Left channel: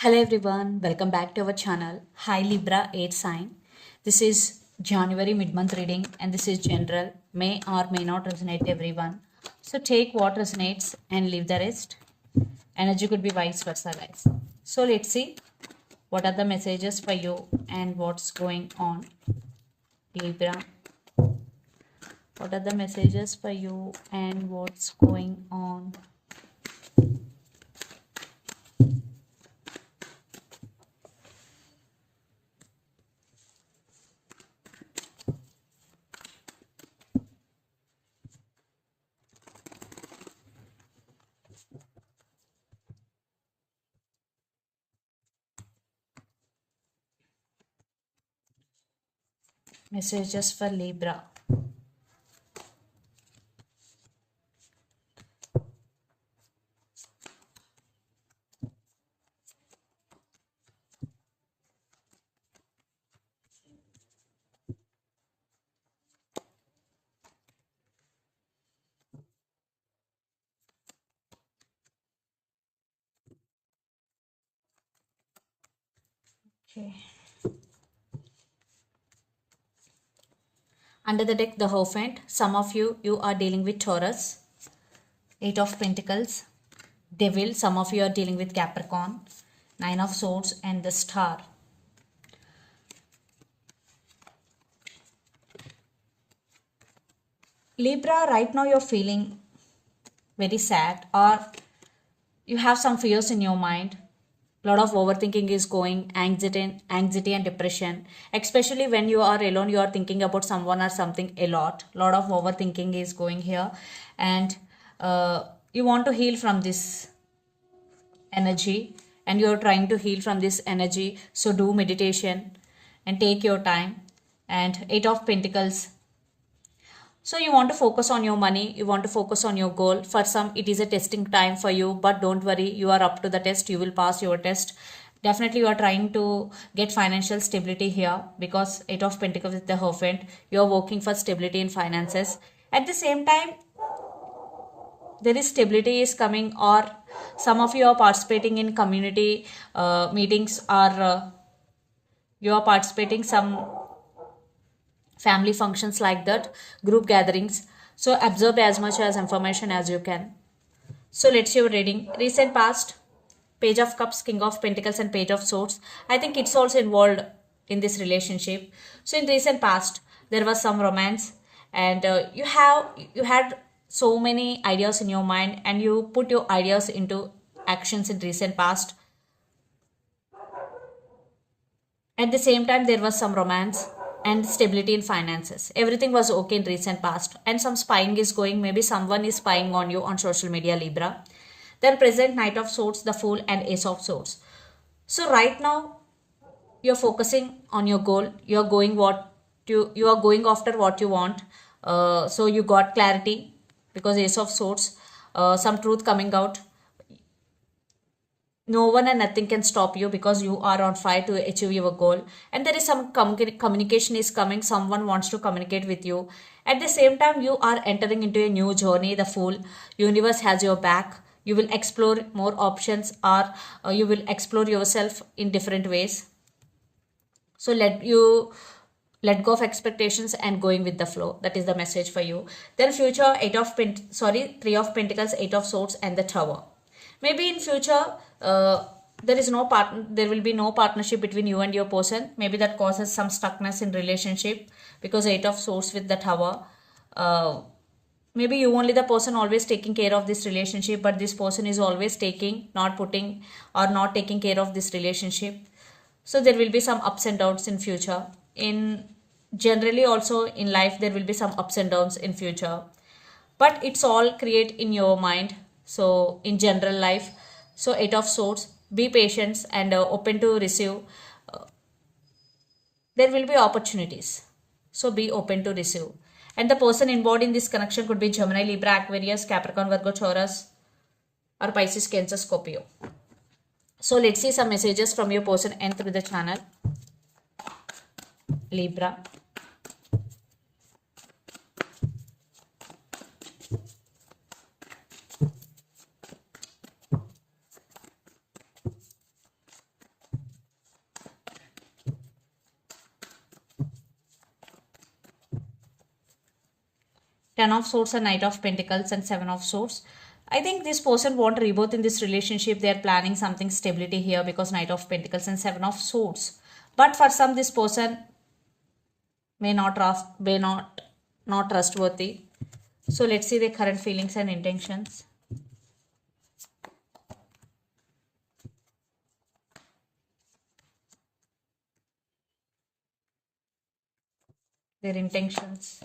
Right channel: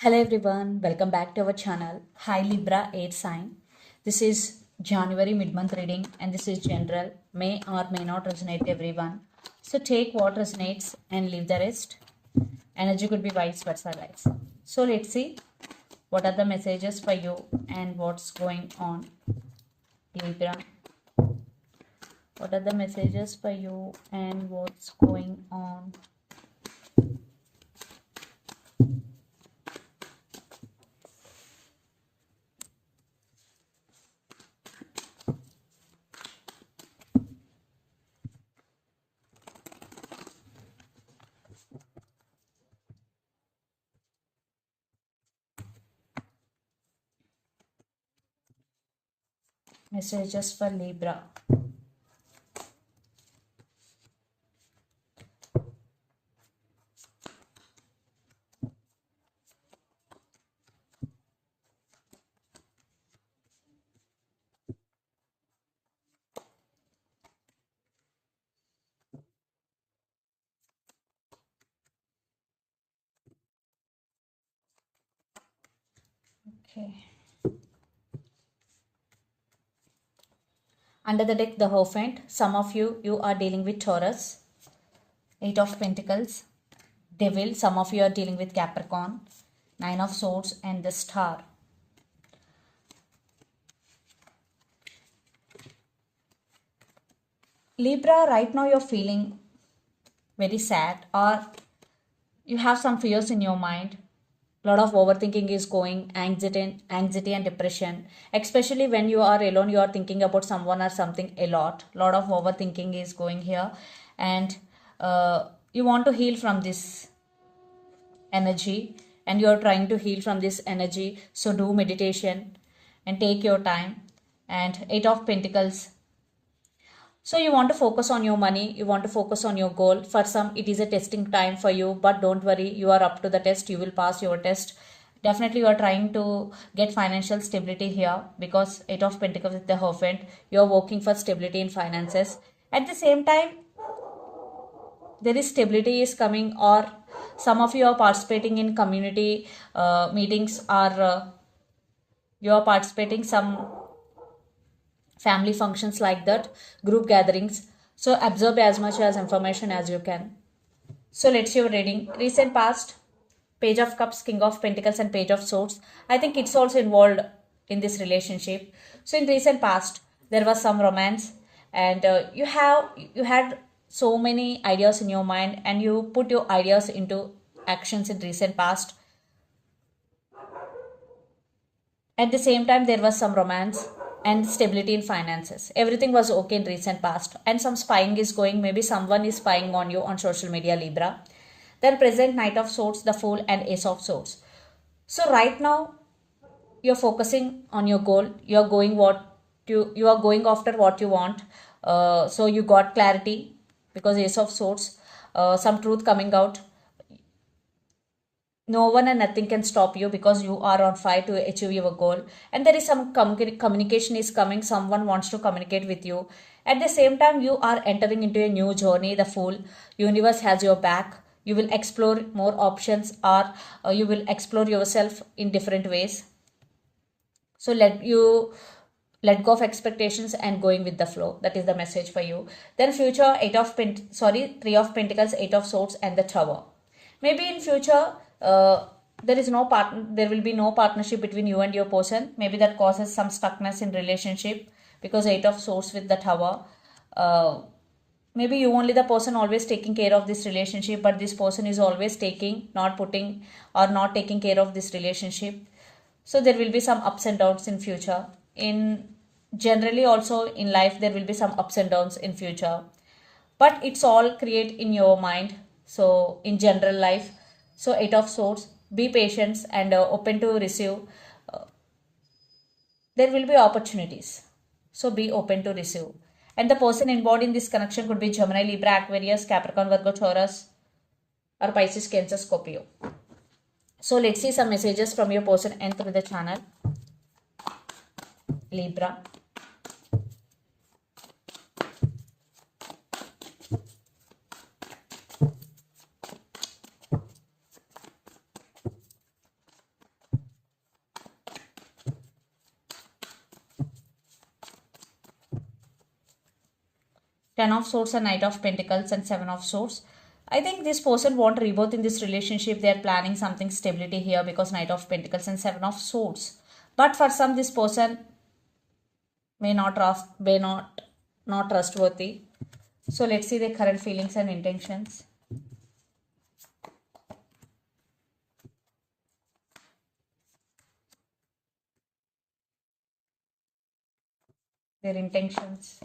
Hello everyone, welcome back to our channel. Hi Libra air sign. This is January mid-month reading and this is general, may or may not resonate everyone. So take what resonates and leave the rest. Energy could be vice versa guys. So let's see what are the messages for you and what's going on. Libra, what are the messages for you and what's going on? Messages for Libra. Okay. Under the deck, the Hierophant. Some of you are dealing with Taurus. Eight of Pentacles. Devil. Some of you are dealing with Capricorn. Nine of Swords and the Star. Libra, right now you're feeling very sad or you have some fears in your mind. A lot of overthinking is going, anxiety and depression. Especially when you are alone, you are thinking about someone or something a lot. A lot of overthinking is going here, and you want to heal from this energy, and you are trying to heal from this energy. So do meditation and take your time. And Eight of Pentacles. So you want to focus on your money, you want to focus on your goal. For some, it is a testing time for you, but don't worry, you are up to the test, you will pass your test. Definitely you are trying to get financial stability here because Eight of Pentacles with the Hierophant, you are working for stability in finances. At the same time, there is stability is coming, or some of you are participating in community meetings, or you are participating some family functions like that, group gatherings. So absorb as much as information as you can. So let's see your reading. Recent past, Page of Cups, King of Pentacles and Page of Swords. I think it's also involved in this relationship. So in recent past, there was some romance, and you had so many ideas in your mind, and you put your ideas into actions in recent past. At the same time, there was some romance and stability in finances. Everything was okay in recent past, and some spying is going. Maybe someone is spying on you on social media, Libra. Then present, Knight of Swords, the Fool, and Ace of Swords. So right now, you're focusing on your goal. You are going after what you want. So you got clarity because Ace of Swords, some truth coming out. No one and nothing can stop you because you are on fire to achieve your goal, and there is some communication is coming. Someone wants to communicate with you. At the same time, you are entering into a new journey, the Fool. Universe has your back. You will explore more options, or you will explore yourself in different ways. So let go of expectations and going with the flow. That is the message for you. Then future, Three of Pentacles, Eight of Swords and the Tower. Maybe in future, there will be no partnership between you and your person. Maybe that causes some stuckness in relationship because Eight of Swords with the Tower. Maybe you only the person always taking care of this relationship, but this person is always not putting or not taking care of this relationship. So there will be some ups and downs in future. In generally also in life, there will be some ups and downs in future, but it's all create in your mind. So in general life, so Eight of Swords, be patient and open to receive. There will be opportunities, so be open to receive. And the person involved in this connection could be Gemini, Libra, Aquarius, Capricorn, Virgo, Taurus, or Pisces, Cancer, Scorpio. So let's see some messages from your person and through the channel. Libra. Ten of Swords and Knight of Pentacles and Seven of Swords. I think this person want rebirth in this relationship. They are planning something stability here because Knight of Pentacles and Seven of Swords. But for some, this person may not trustworthy. So let's see their current feelings and intentions. Their intentions.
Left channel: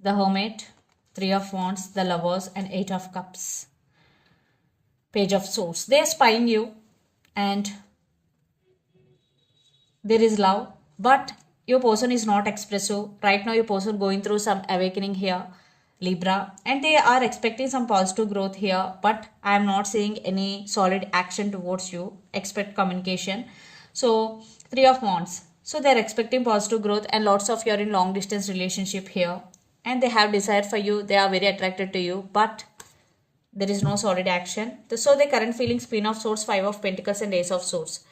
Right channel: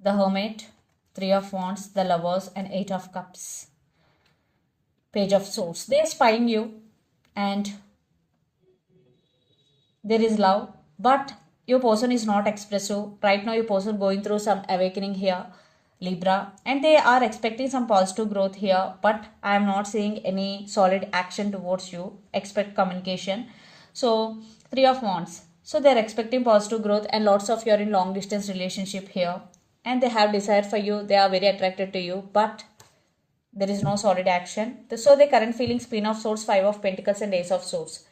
The Hermit, Three of Wands, the Lovers, and Eight of Cups. Page of Swords. They are spying you and there is love, but your person is not expressive. Right now, your person going through some awakening here, Libra, and they are expecting some positive growth here, but I am not seeing any solid action towards you. Expect communication. So, Three of Wands. So, they are expecting positive growth and lots of you're in long distance relationship here, and they have desire for you. They are very attracted to you, but there is no solid action. So, the current feelings, Queen of Swords, Five of Pentacles, and Ace of Swords.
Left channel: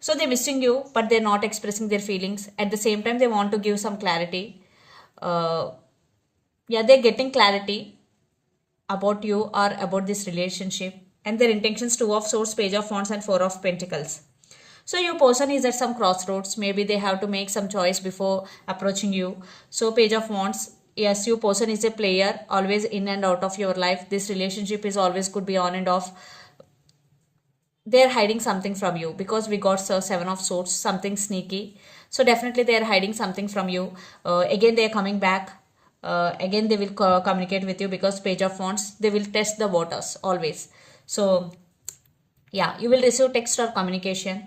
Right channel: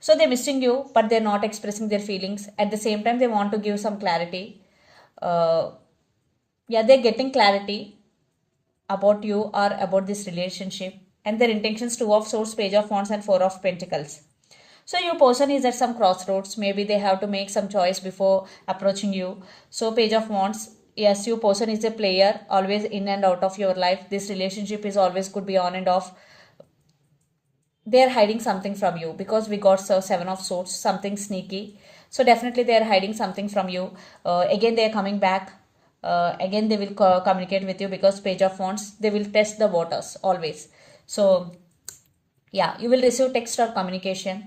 So they're missing you, but they're not expressing their feelings. At the same time, they want to give some clarity. They're getting clarity about you or about this relationship. And their intentions, Two of Swords, Page of Wands, and Four of Pentacles. So your person is at some crossroads. Maybe they have to make some choice before approaching you. So Page of Wands, yes, your person is a player, always in and out of your life. This relationship is always could be on and off. They're hiding something from you because we got Seven of Swords, something sneaky. So definitely they're hiding something from you. Again, they're coming back. Again, they will communicate with you because Page of Wands, they will test the waters always. So yeah, you will receive text or communication.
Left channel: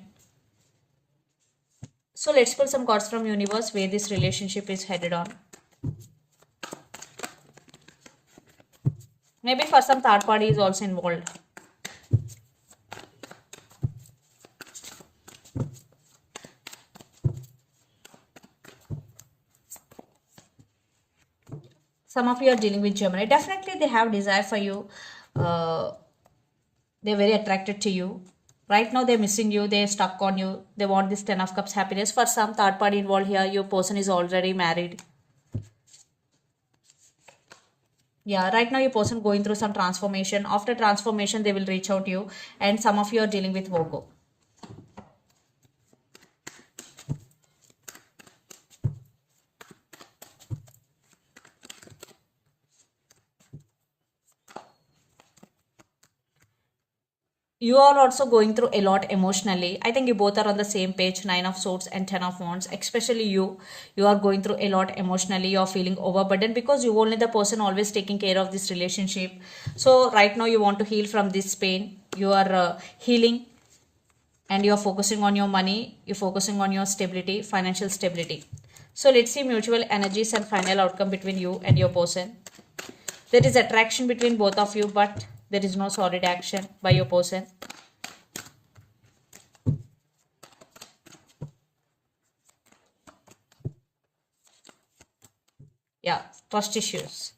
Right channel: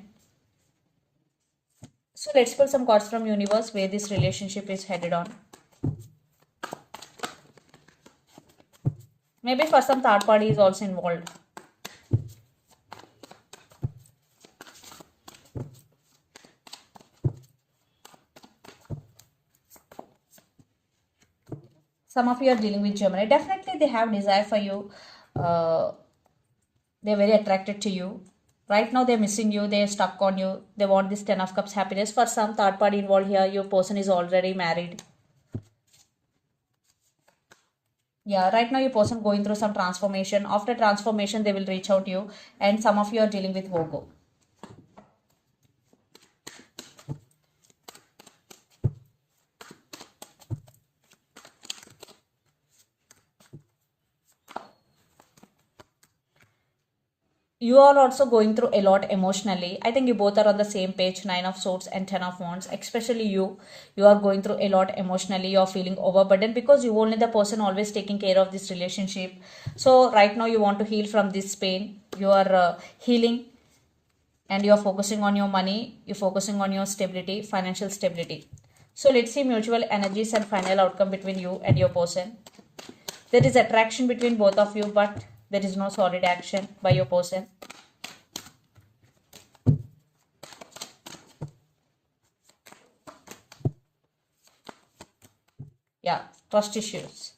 So let's pull some cards from universe where this relationship is headed on. Maybe for some third party is also involved. Some of you are dealing with Gemini. Definitely they have desire for you. They're very attracted to you. Right now they're missing you. They're stuck on you. They want this Ten of Cups happiness. For some third party involved here, your person is already married. Yeah, right now your person going through some transformation. After transformation, they will reach out to you. And some of you are dealing with Virgo. You are also going through a lot emotionally. I think you both are on the same page, Nine of Swords and Ten of Wands. Especially you are going through a lot emotionally. You're feeling overburdened because you only the person always taking care of this relationship. So right now you want to heal from this pain. You are healing and you're focusing on your money. You're focusing on your stability, financial stability. So let's see mutual energies and final outcome between you and your person. There is attraction between both of you, but there is no solid action by your person. Yeah, trust issues.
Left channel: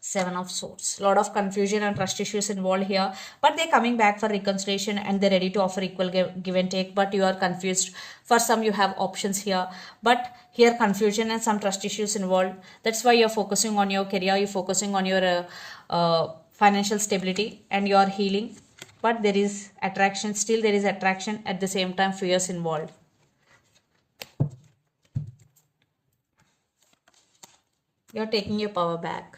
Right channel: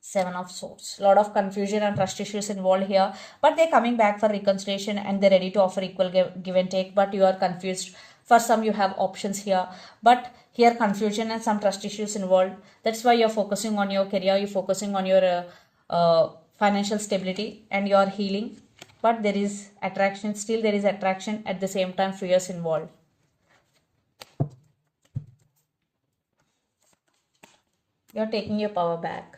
Seven of Swords. Lot of confusion and trust issues involved here. But they're coming back for reconciliation and they're ready to offer equal give and take. But you are confused. For some, you have options here. But here, confusion and some trust issues involved. That's why you're focusing on your career. You're focusing on your financial stability and you're healing. But there is attraction. Still, there is attraction. At the same time, fears involved. You're taking your power back.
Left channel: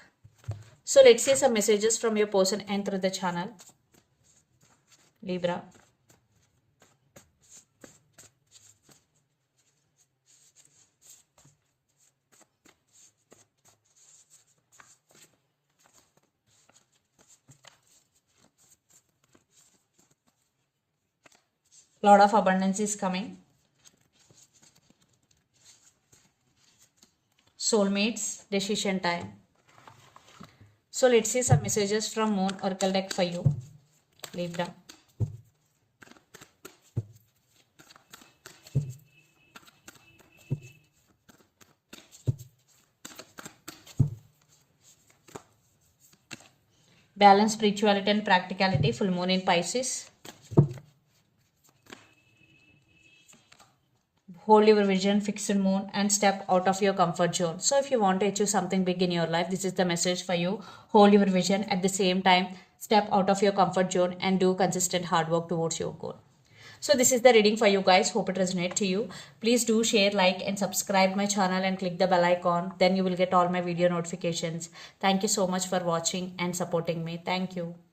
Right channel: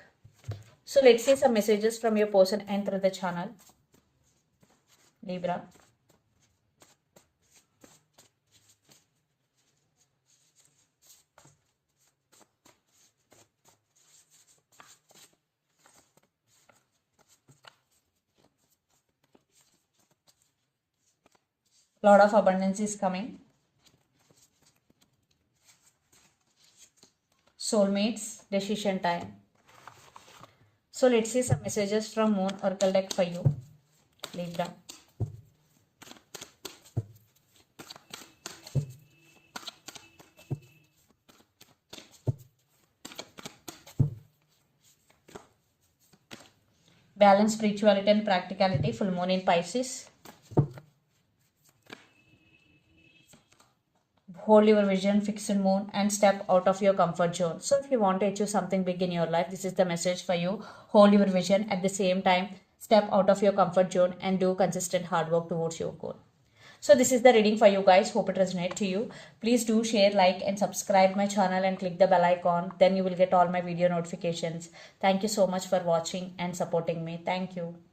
So let's see some messages from your person and through the channel. Libra. Lot of abundance is coming. Soulmates, decision time. So let's see some messages from Moon Oracle deck for you, Libra. Balance, spirituality and practicality, full moon in Pisces. hold your vision, fixed moon, and step out of your comfort zone. So if you want to achieve something big in your life, this is the message for you. Hold your vision, at the same time step out of your comfort zone and do consistent hard work towards your goal. So this is the reading for you guys. Hope it resonates to you. Please do share, like, and subscribe my channel and click the bell icon. Then you will get all my video notifications. Thank you so much for watching and supporting me. Thank you.